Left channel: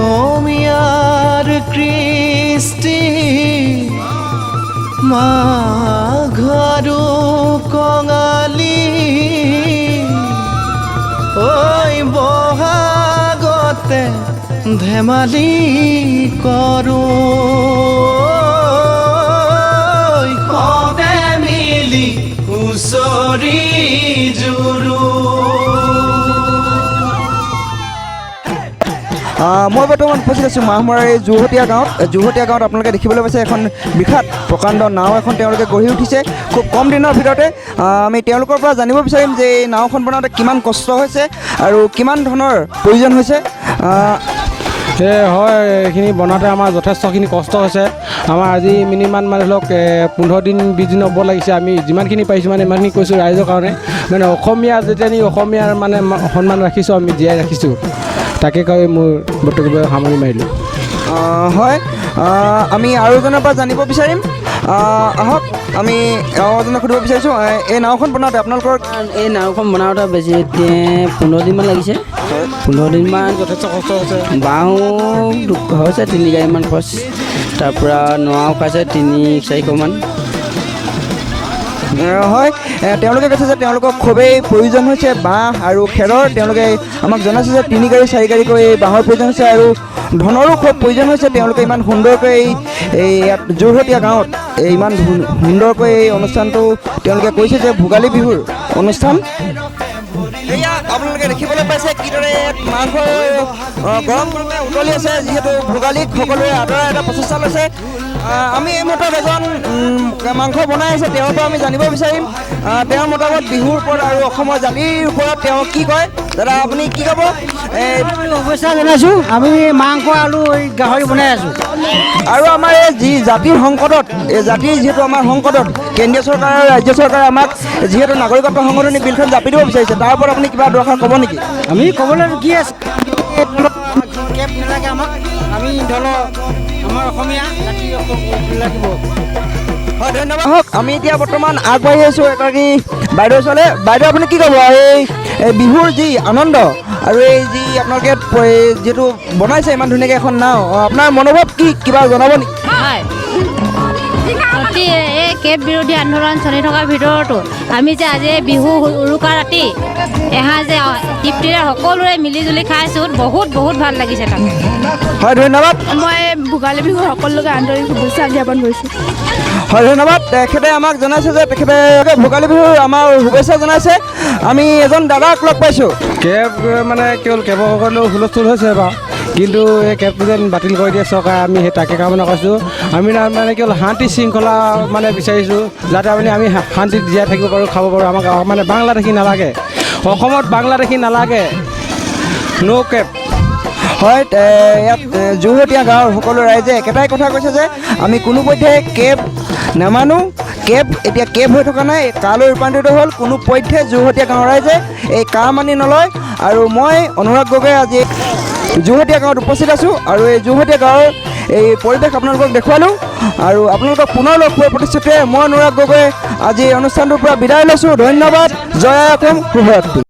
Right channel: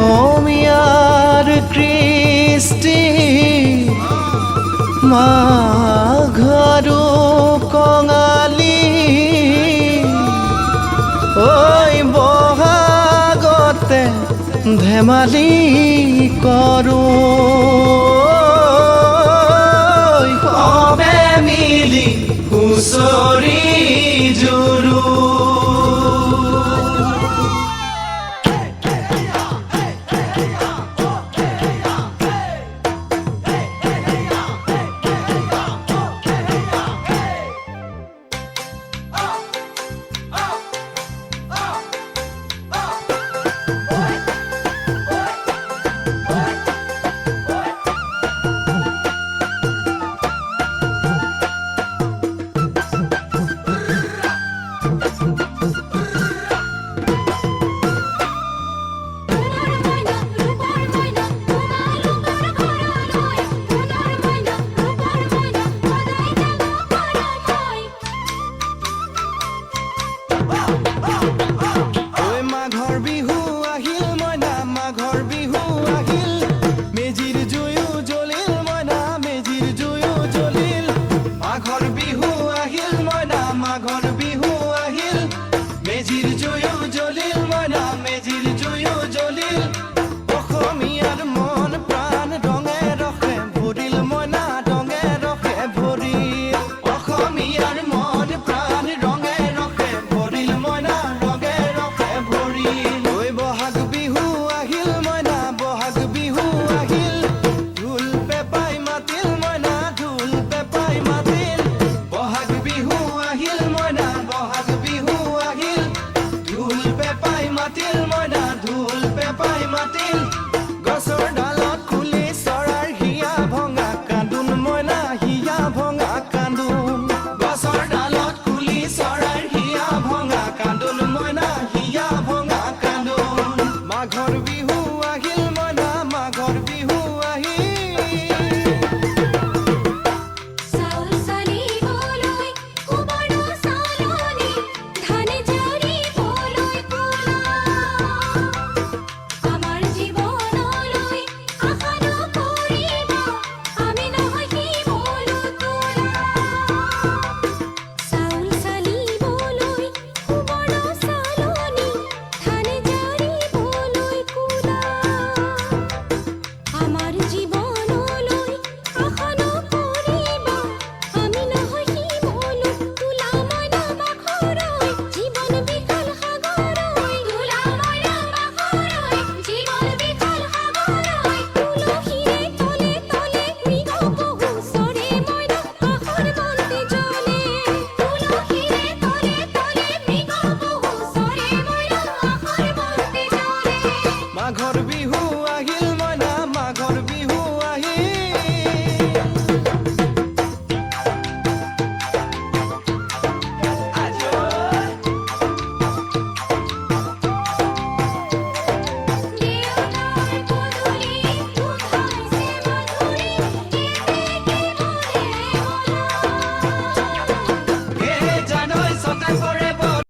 অসমীয়াৰ কৃষ্টি মাঘৰো কঙালী ঐ বহাগতে ধেমালি কৰোঁ সবে মিলি হুঁচৰি জুৰো। মই বৰ্তমান উপস্থিত আছোঁ মাহমৰাৰ এই যোৰহতীয়া গাঁৱত আপোনালোকে দেখিবলৈ পাইছে এখন বিখ্যাত প্ৰকাণ্ড নাও এখন তেওঁলোকে গঢ়ি উঠিছে খুব কম দিনৰ ভিতৰতে। আমি তেওঁলোকৰ পৰা জানিব বিচাৰিম যে এই নাওখন বনাওঁতে কিমান কষ্ট হৈছে আৰু কিমান ধৰণৰ প্ৰয়োজন হৈছে। হয়, এইখিনি বনাওঁতে আমাৰ যথেষ্টখিনি কষ্ট হৈছে। আমাৰ আজি মিনিমাম মানে ধৰক 15 দিন 20 দিন হ'ব লাগিছে। আমি যিমানখিনি পাৰিছোঁ মানে ইমানখিনি কৈছোঁ ৰাইজৰ কাৰণে, মানে অসমীয়া যেতিয়া আমি অসমীয়াৰ মানে সন্মান ৰাখিছোঁ, আমি জীয়াই ৰাখিছোঁ, তাকে কৈ মোৰ বক্তব্য সামৰি মাৰিলোঁ। হয়, আমি আৰু এজনৰ পৰা জানিব বিচাৰিম। আহক আমি আৰু এজনক সুধিব বিচাৰিছোঁ, এই নাওখন বনাওঁতে আপোনালোকৰ এই নাওখন বনাওঁতে বেছি 15 দিনমান লাগিছে। 15 দিনমান যথেষ্ট কষ্ট হৈছে। বাঁহো হৈছে 3 গাড়ীমান খৰচ, তাৰপৰা নৰাও খাইছে 3-400মান। হয়, তেওঁলোকে কৈছে যে তেওঁলোকক খুবেই প্ৰয়োজন হৈছে বাঁহ আৰু খেৰৰ। তেওঁলোকে আমাক জনাইছে যে 3 গাড়ী 4 গাড়ীকৈ এই বাঁহৰ প্ৰয়োজন হৈছে আৰু ধনৰো খুব প্ৰয়োজন হৈছে। তেওঁলোকে ইমান সুন্দৰকৈ এই যোৰহতীয়া গাঁৱত ইমান সুন্দৰকৈ এই অনুষ্ঠানটো তেওঁলোকে কৈছে যে ভোগালী বিহুৰ অনুষ্ঠান। আপোনালোকে দেখিবলৈ পাইছে কিদৰে যিহেতু ভোগালীত সকলোৱে আদৰৰ এটা প্ৰচেষ্টা লৈছে। আমি এই মতত এজন মাংস বনাই আছে, তেওঁৰ পৰা আমি জানিব বিচাৰিম তেওঁৰ মতামত বিহুৰ ওপৰত আৰু অসমৰ জাতিৰ ওপৰত তেওঁ কি কয়। দাদা আপুনি কি ক'ব? শুভেচ্ছা জনাইছোঁ। আমি মাংস আলু গাহৰি বনাই আছোঁ। আৰু আমাৰ এই যি জাতিৰ সংকটত, এই জাতিৰ যিহেতু আমাৰ সংকটত কেন্দ্ৰীয় চৰকাৰ আৰু ৰাজ্য চৰকাৰে আমাক যিহেতু নাগৰিকত্ব সংশোধনী বিলখন জাপি দিব বিচাৰিছে, তাৰ ওপৰত আপুনি কিবা দৰকাৰ ক'ব নেকি? আমি ক'বলৈ কি আছে, ধন্যবাদ। আমি এতিয়া বৰ্তমান আগবাঢ়ি আছোঁ এগৰাকী বাইদেউ ওচৰলৈ। বাইদেউ আপুনি কি ক'ব এই বিহুৰ যি আনন্দ আৰু এই যি আপোনালোকে যিহেতু বনাইছে ইমান ধুনীয়াকৈ এখন নাও, আপোনাৰ মনোভাৱ কি কিবা জনাব নেকি? হয়, এই কেব বিৰোধী আন্দোলন চলি থকাৰ ভিতৰতো আমি যে আজি বিহু উৰুকা ৰাতি এসাঁজে তৃপ্তিৰে সকলোৰে মিলিজুলি খাইছোঁ, বহুত ভাল লাগিছে তাত। হয়, ধন্যবাদ। মই ভোগালী বিহুৰ সকলোকে আন্তৰিক শুভেচ্ছা জ্ঞাপন কৰিছোঁ। হয়, ধন্যবাদ। তেখেতে আমাক জনাইছে যে তেখেতে ভোগালী বিহুৰ আমাৰ শুভেচ্ছা জনাইছে। আমি এজন দাদাক লগ পাইছোঁ। কেব মানে কেৱল কেবৰ কাৰণেও হুলস্থুল হৈছে বাৰু, কিন্তু এই কেবটো যেন বাতিল কৰি দিয়ে চৰকাৰে, আমি সেই তাকে কামনা কৰিছোঁ। আমি মানে কেৱল শান্তি শৃংখলা মানে বিচাৰিছোঁ, যাতে আমি শান্তিত জীয়াই থাকিব পাৰোঁ, খাব পাৰোঁ। আমাক মানে বাংলাদেশী নালাগে, অসমত বাংলাদেশী নালাগে, ন' কেব। হয়, ইয়াত যোৰহতীয়া গাঁৱৰ সকলো ৰাইজে একেটাই কথা কৈছে যে আমি কোনোপধ্যে কেব নামানো। কেব এতিয়া কেব হৈ থকা নাই, কালৈ ৰূপান্তৰিত হ'ল। কোনোপধ্যে যোৰহতীয়া গাঁৱৰ ৰাইজে এই কা মানি নলয়। আৰু মই অনুৰাগ গগৈ আজি যোৰহতীয়া গাঁৱত উপস্থিত আছোঁ আৰু এই যোৰহতীয়া গাঁৱৰ এই পৰিৱেশ আপোনালোকক দেখুৱালোঁ আৰু আপোনালোকক পুনৰ লগ পোৱাৰ প্ৰতিশ্ৰুতিৰে মই অনুৰাগ গগৈ আজি এই অনুষ্ঠানটোৰ পৰা বিদায় লৈছোঁ। ধন্যবাদ। জয় অসম, শুভৰাত্ৰি।